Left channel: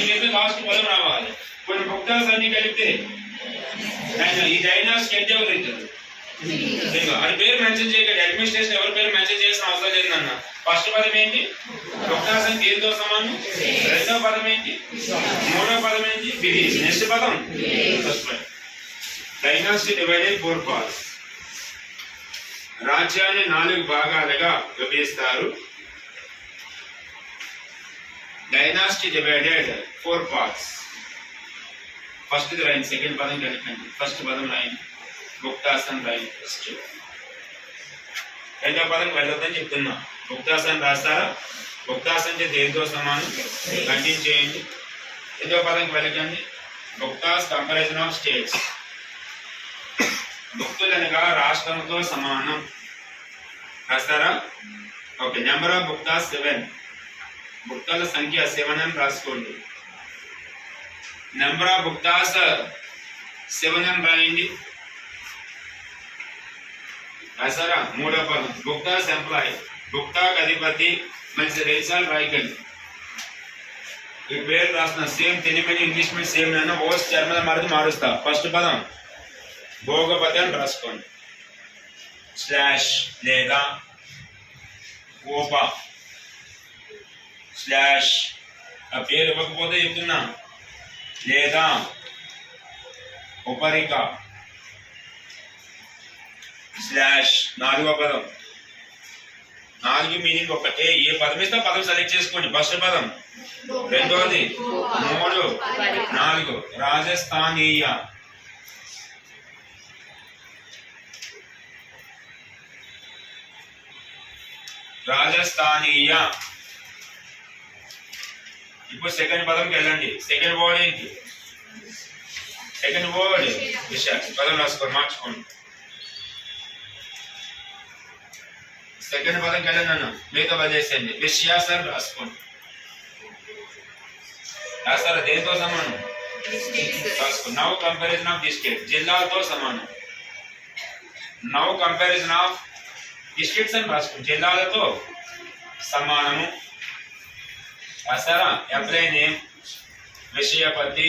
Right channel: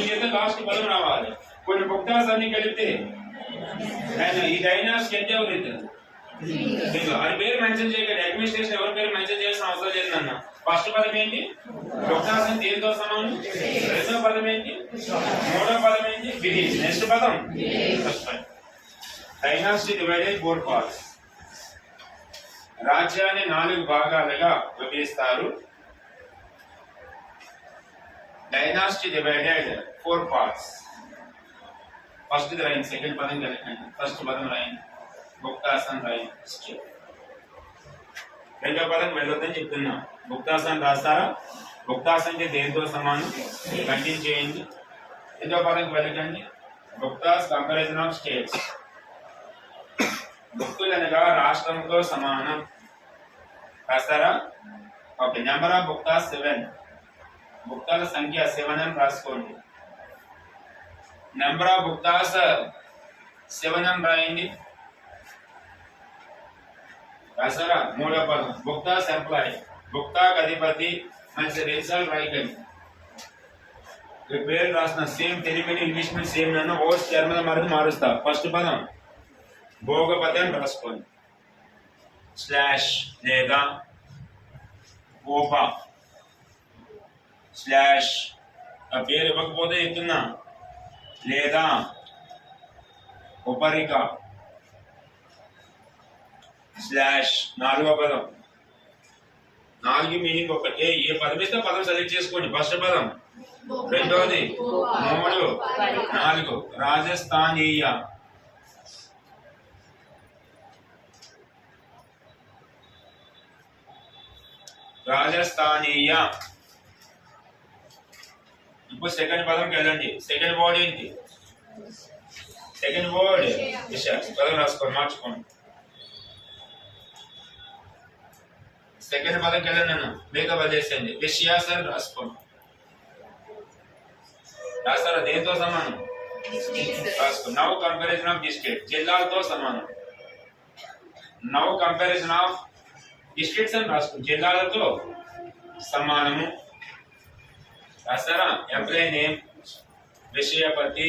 ఏం చేస్తే లాస్ట్ పదం రావాలి. కొన్ని బుక్తాస్ అన్ని కలిపితే ఈ డైనాసిటీ అంటే ఎవరు ఇద్దరు అది పేరు మెన్షన్ చేయకండి. అడ్మినిస్ట్రేషన్ ఎవరి పేరు మెన్షన్ చేసిన అవసరం లేదన్న. ఫస్ట్ పదం ఏంటి? బుక్తాస్ దేనితో సమానం? రెండో పదం ఏంటి? మూడో పదం ఏంటి? విధి. నెక్స్ట్ పదం డైనాసిటీ డివైడెడ్ 4 parts. రాజ్యాన్ని 4 భాగాలుగా విభజిస్తారు. Dynasty divided 4 parts. ఫస్ట్ రాయండి, సెకండ్ పదం కలిపండి. ఫస్ట్ పదం రాయండి, బుక్తాసన్ రాయండి ఫస్ట్. రెండో పదం వెళ్ళొద్దని చెప్తున్నా. బుక్తాసన్ రాస్తారా? బుక్తాసన్ అంటే దేనితో సమానం? కంటిన్యూ చేయండి. రెండో పదం వెళ్ళకండి. బుక్తాస్ కంపారిజన్ ఆఫ్ స్టేట్స్. భుక్తులు అనగా రాష్ట్రంతో సమానం. రాస్తారా? ఓకే. నెంబర్ ఆఫ్ బుక్తాస్ 7. బుక్తాల సంఖ్య 7 అని రాసుకోండి. నెంబర్ ఆఫ్ బుక్తాస్ 7 అని రాయండి. రాసారా? మూడో పదం బుక్తాస్ ఎంప్లాయ్. బుక్తాకు అధిపతి మంచి రిజల్ట్ రాయకండి. ఈ పేరు రాసిన same Telugu English medium same నేను ఓస్ జర్మన్ మరది మారుస్తా. ఫస్ట్ పదం భోగపతి అని రాసుకోండి. స్లాష్ లేదా ఓప స్లాష్. ఆ పేరు ఇవ్వకపోతే చెప్తున్నా. లేదా ఉపరిక స్లాష్. నాలుగో పదం. 4 మీనింగ్ ఒకటే. ఏ పదం ఇస్తే పదం సెలెక్ట్ చేసుకోండి. ఫస్ట్ పదం, రెండోది, 3, 4. రాజస్థానీయ. రాజస్థానీయ. ఇప్పుడు సెకండ్ పదంకి వెళ్ళండి. సెకండ్ వర్డ్ ఏంటి? సెకండ్ వర్డ్ విషయ. పదం రాసుకోండి, మార్చుకోండి. సెకండ్ పదంకి వెళ్ళండి అన్న. లేదా వదిలేసేయండి. విషయాస్ అని రాసుకోండి. రాస్తారా? దేనితో సమానం? రాసుకోండి. Now comparison of district. జిల్లాలతో సమానం. నౌ కంపారిజన్ ఆఫ్ డిస్ట్రిక్ట్స్ అని రాసుకోండి. జిల్లాలతో సమానము. రాస్తారా? Employee name, విషయపతి,